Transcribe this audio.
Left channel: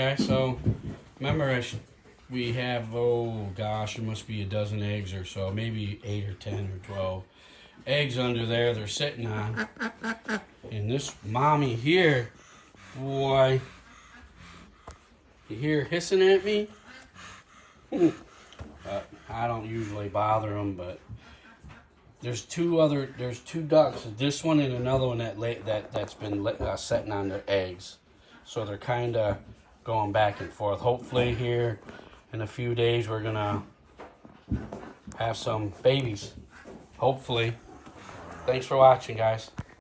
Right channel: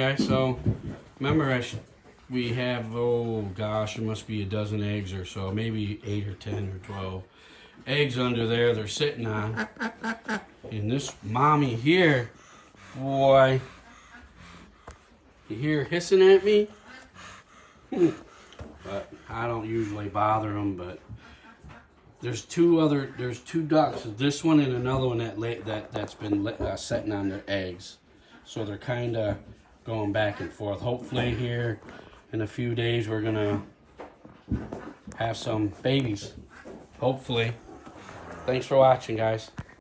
guys, so remember we have, oh gosh, it must be a dozen eggs or so, maybe 8 or 10 or 12 eggs under there they're sitting on. And this mommy here, boy, you hear hissing at me? But I don't usually bother them, but there's two ducks, this one and another one that's been sitting on their eggs. So they're kind of going back and forth. Hopefully here in a few days we're gonna have some babies. Hopefully. Thanks for watching, guys.